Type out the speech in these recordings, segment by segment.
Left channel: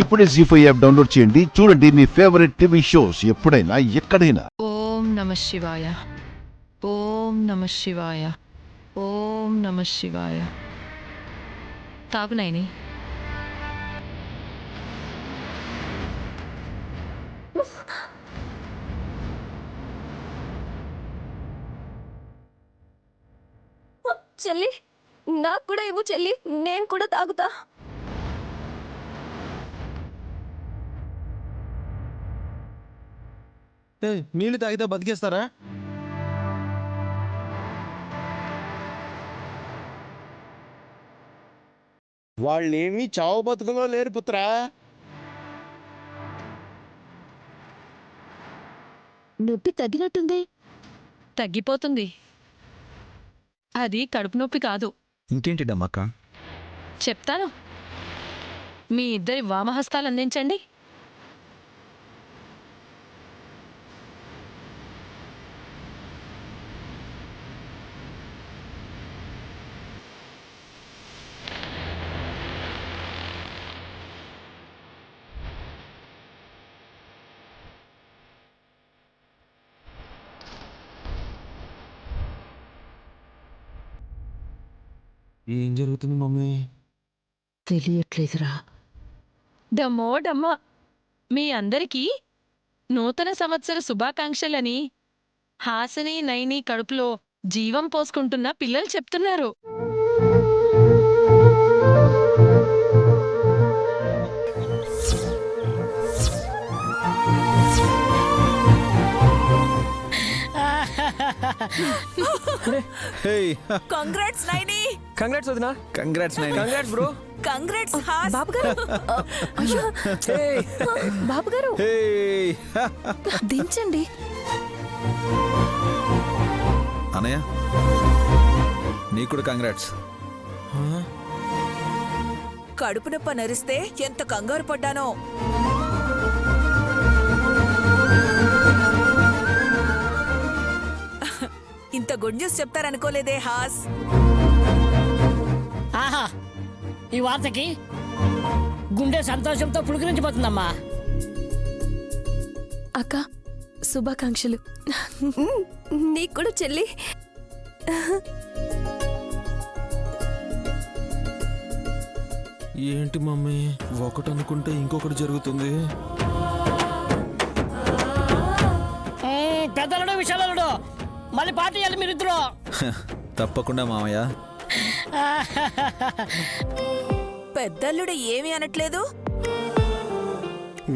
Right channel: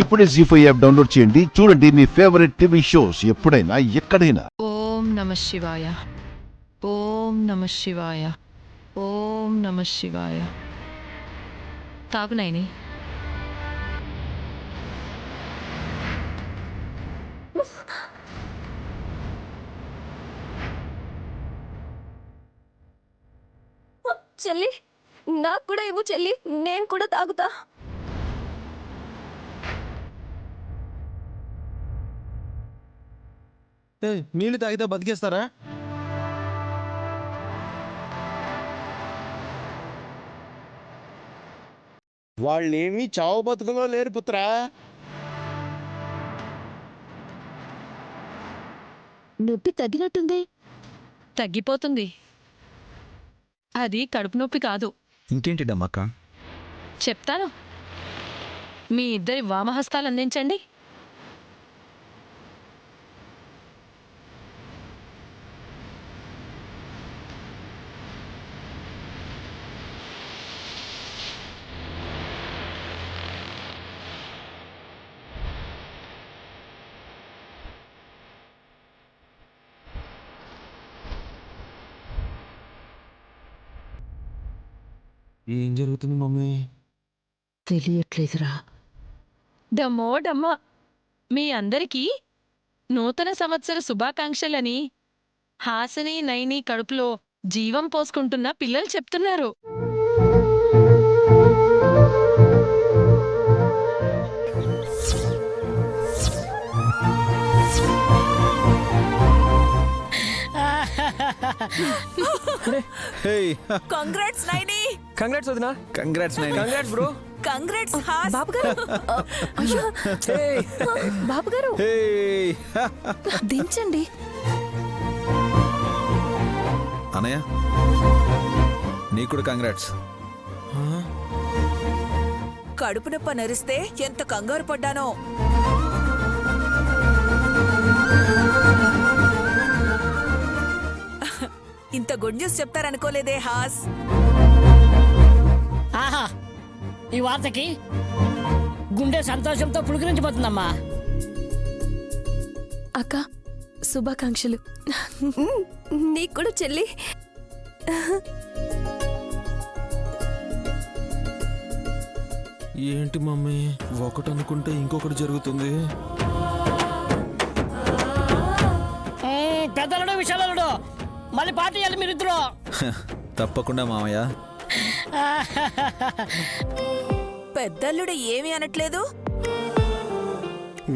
ఇప్పుడే జీ5 app download చేయండి. చూడండి మీ ఫేవరెట్ టీవీ షోస్ ఎప్పుడైనా ఎక్కడైనా. ఓం నమః శివాయ. ఓం నమః శివాయ. ఓం నమః శివాయ. తాగు నైని. చెల్లి, నాకు కూడా ఇవ్వు చెల్లి, నేను కూడా తాగుతా. నీళ్ళు తాగితే బతికేస్తారా? వాళ్ళేమి చావు బతుకులో లేరు పుత్రా. నొప్పి తగ్గినట్టుంది. తగ్గిపోతుంది. అది కడుపు నొప్పి కాదు. ఇంకేంటి డమ్మక్క? చెప్తాను. మీ ఇద్దరి వామహస్తాలు అందించండి. ఏం జరుగుతుంది మమ్మీ? తెలియట్లేదురా. డమ్మో డమ్మ. మీ అందరికీ నూతన సంవత్సర శుభాకాంక్షలని హాసిని నైని కడుపులో జీవం పోసుకుంటున్న పిల్లలు చెప్తున్నారు. కంగ్రాట్స్ నైని. కంగ్రాట్స్ వదినా. Congrats Naini. Congrats bro. Congrats హాస్. బాబు గారు, అయ్యో బాబు గారు దించండి. అనయ్య నీకు కూడా కంగ్రాట్స్. కడుపు నొప్ప నరిస్తే ఎంత కంగారు పడ్డానో. ఇంత గుడ్ న్యూస్ చెప్తారనుకోలేదే హాస్. ఆహా, ఈ వార్తకి గుండె సంతోషంతో పులకరించిపోతుందమ్మా. అక్క, శుభాకాంక్షలు. నీకు కూడా చెల్లి. ఏంటి మమ్మీ, ఒకటి అనుకుంటే ఇంకొకటి జరుగుతుంది. పెద్దలుడు విశాలుడు మళ్ళీ పార్టీ చేయాలి మీరిద్దరు. తప్పకుండా మామయ్య. పెద్దల్లుడు ఏమీ అనట్లేదు.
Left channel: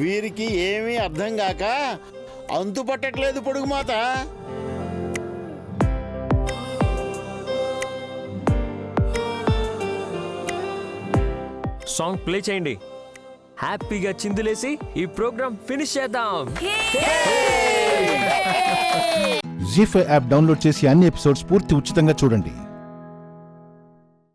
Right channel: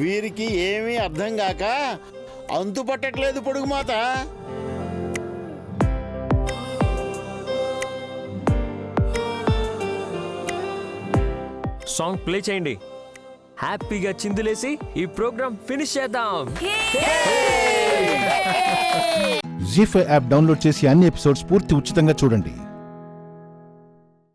వీరికి ఏమీ అర్థం కాక అంతు పట్టట్లేదు పొడుగు మాత. సాంగ్ ప్లే చేయండి. హ్యాపీగా చిందులేసి ఈ ప్రోగ్రామ్ ఫినిష్ చేద్దాం. జీ5 యాప్ డౌన్లోడ్ చేసి అన్ని ఎపిసోడ్స్ పూర్తి ఉచితంగా చూడండి.